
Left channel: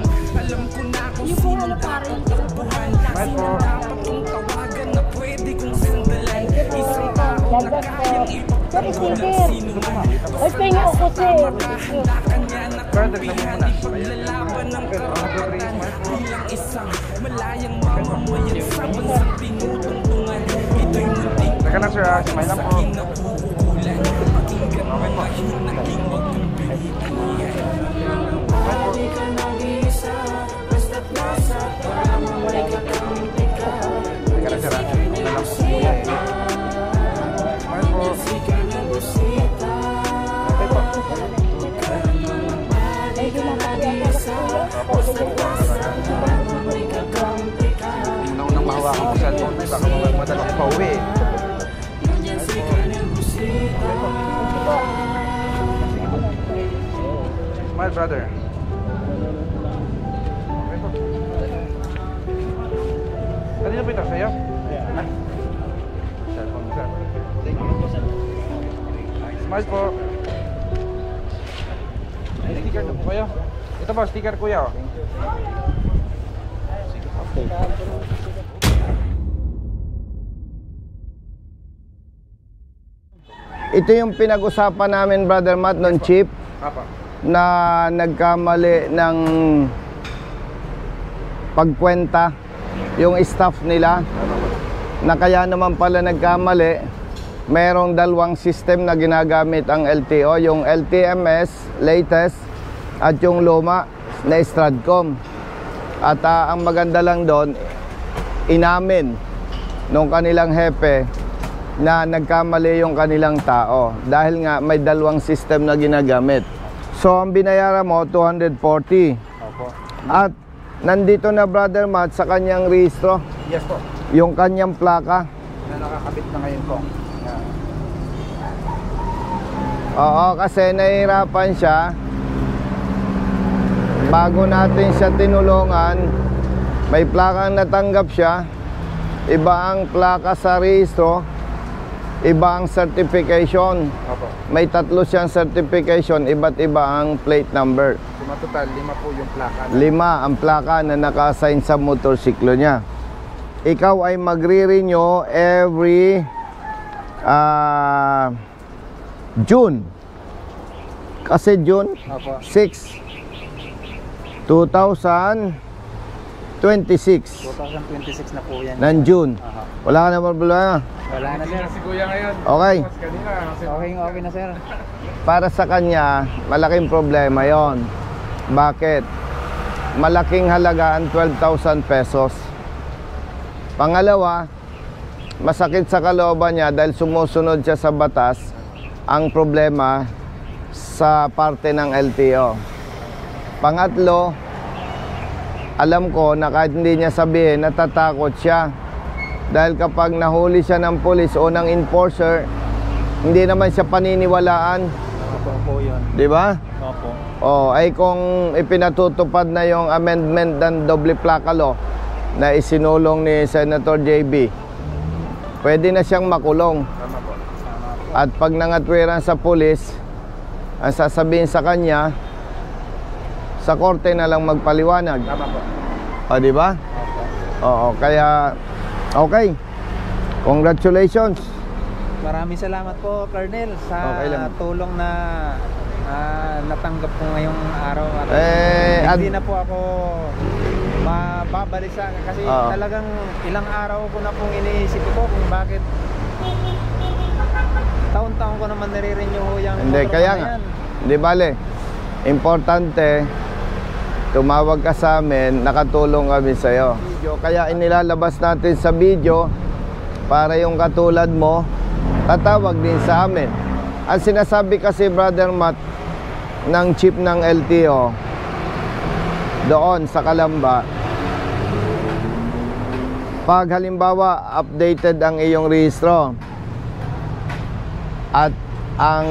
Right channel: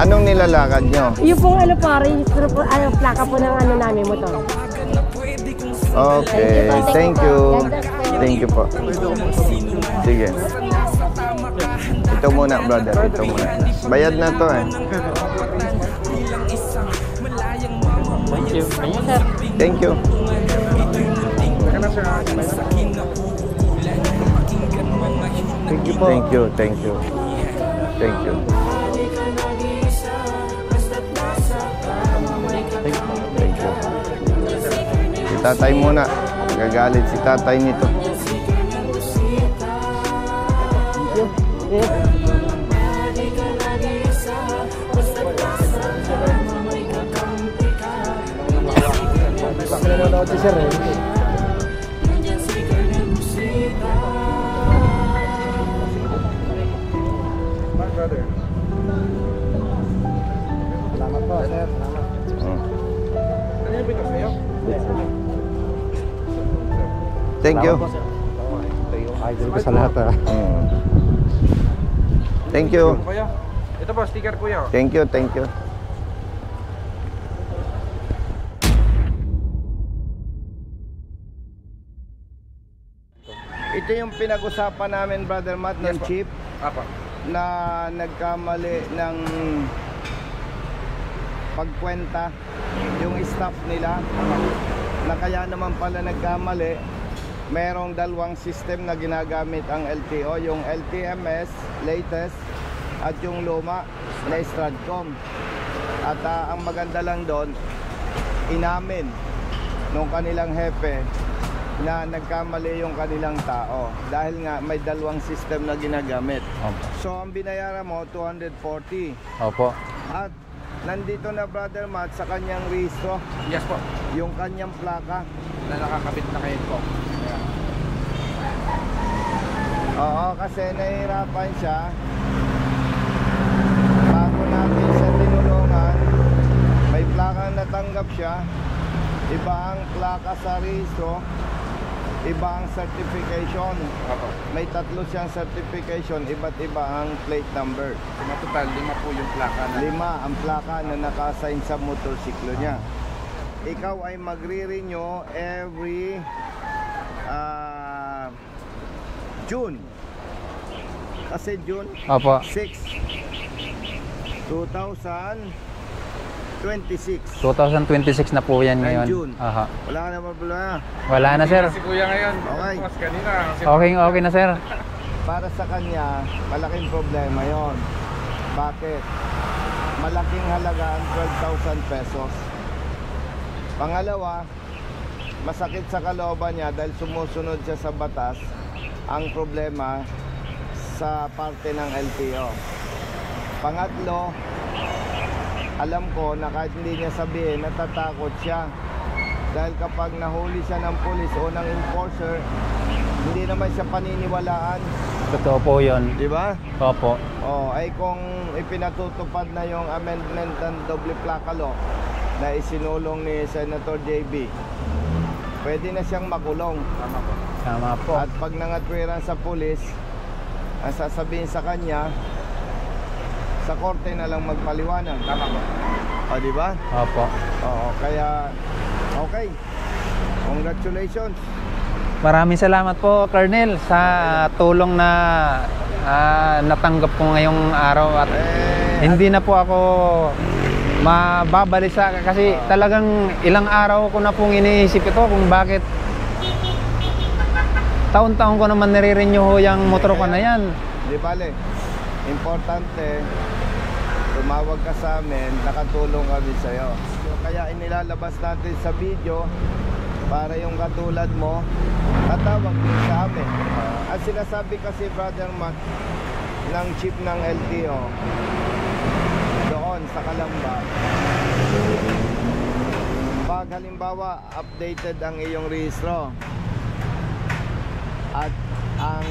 Anong nilalakad nyo? Yung pong ano pare, yung plaka po ng ano namin motor. Okay, thank you. Thank you po. Sige. Ito muna, brother. Ito muna. Bayad na to eh. Thank you. Teka na sir, Thank you, thank you. Thank you. Si tatay muna. Gagalit si tatay nito. my brother. Kanina pa ito sa'yo? Thank you. Sa lahat Thank you. Kuya. Ito po, sticker kuya. Thank you, thank you. Ito yung pinag-usapan namin, Brother Matt, ng chief na nagkamali ng pagkwenta yung staff nila, na kaya naman pala nagkamali. Merong dalawang system na ginagamit ang LTO, yung LTMS latest at yung luma na Stratcom. At ang maganda lang doon, inamin nung kanilang hepe na nagkamali yung kanilang tao dahil nga may dalawang system na ginagamit. So ang binayaran mo 240. Opo. At nandito na, Brother Matt, sa kanyang rehistro. Yes po. Yung kanyang plaka. Na nakakabit na ngayon po. Yeah. Oo, kasi nahihirapan siya. Bago natin siya tinulungan, may plakang natanggap siya. Iba ang plaka sa rehistro, iba ang certification. Opo. May tatlo siyang certification, iba't iba ang plate number. Total, 5 po yung plaka. 5 ang plaka na naka-assign sa motorsiklo niya. Ikaw ay magre-renew every June. Kasi June 6, 2026. 2026 na po yan. Ng June. Aha. Wala ka na problema. Wala na, sir. Si Kuya ngayon. Okay. Mas kanina. Okay na, sir. Para sa kanya, malaking problema yon. Bakit? Malaking halaga ang 12,000 pesos. Pangalawa, masakit sa kalooban niya dahil sumusunod siya sa batas. Ang problema sa parte ng LTO. Pangatlo, alam ko na kahit hindi niya sabihin, natatakot siya. Dahil kapag nahuli siya ng pulis o ng enforcer, hindi naman siya paniniwalaan. Totoo po yun. Di ba? Opo. O, ay kung ipinatutupad na yung amendment ng doble plaka law na isinulong ni Senator JB, pwede na siyang makulong. Tama po. At pag nangatwiran sa pulis, ang sasabihin sa kanya, sa korte na lang magpaliwanag. Tama po. O, di ba? Opo. Oo, kaya, okay. Congratulations. Maraming salamat po, Colonel, sa tulong na natanggap ko ngayong araw. At hindi na po ako mababalisa kasi talagang ilang araw ko na pong iniisip ito kung bakit taon-taon ko naman nire-renew yung motor ko na yan. Di bale, importante, tumawag ka sa amin, nakatulong kami sa'yo. Kaya inilalabas natin sa video para yung katulad mo, tatawag din sa amin. Ang sinasabi kasi, Brother Matt, ng chief ng LTO doon sa Calamba, pag halimbawa updated ang iyong rehistro at ang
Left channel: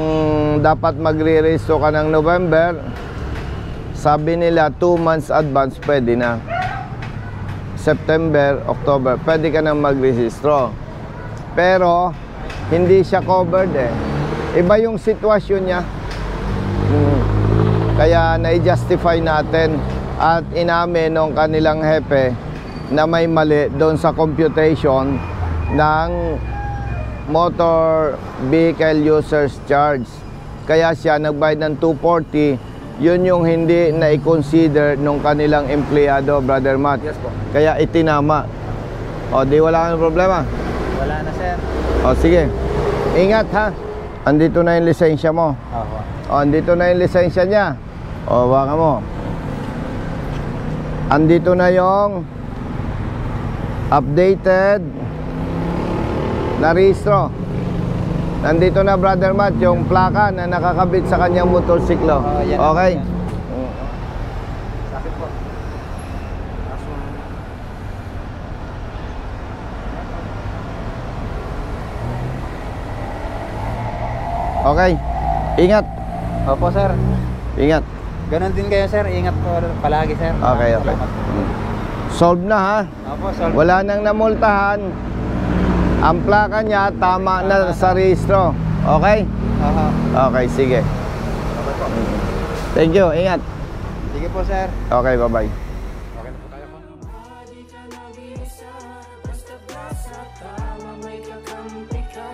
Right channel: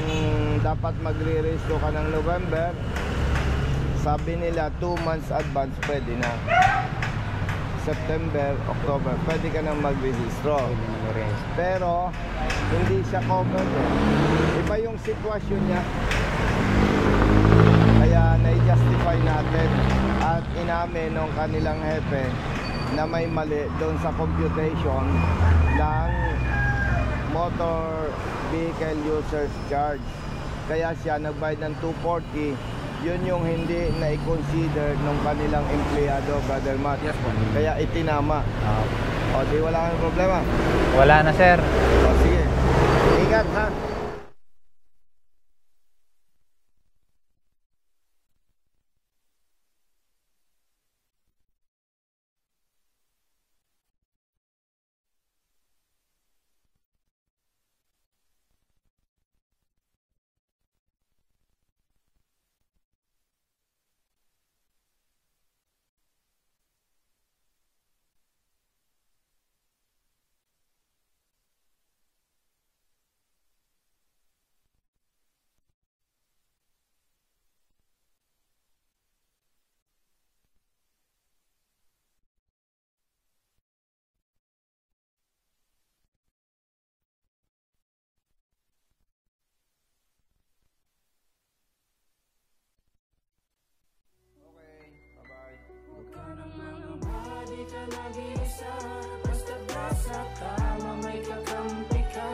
dapat magre-rehistro ka ng November, sabi nila 2 months advance pwede na. September, October, pwede ka na mag-rehistro. Pero hindi siya covered eh. Iba yung sitwasyon niya. Kaya na-justify natin at inamin ng kanilang hepe na may mali doon sa computation ng motor vehicle users charge. Kaya siya nagbayad ng 240. Yun yung hindi na i-consider nung kanilang empleyado, Brother Matt. Yes, po. Kaya itinama. O, di wala kang problema? Wala na, sir. O, sige. Ingat, ha? Andito na yung lisensya mo. Opo. O, andito na yung lisensya niya. O, baka mo. Andito na yung updated na rehistro. Nandito na, Brother Matt, yung plaka na nakakabit sa kanyang motorsiklo. Okay? Sakit po. Okay. Ingat. Opo, sir. Ingat. Ganon din kayo, sir. Ingat po palagi, sir. Okay, okay. Solve na, ha? Opo, solve. Wala nang namultahan. Ang plaka niya tama na sa rehistro. Okay? Okay, sige. Thank you. Ingat. Sige po, sir. Okay, bye-bye. Basta may kakampi ka.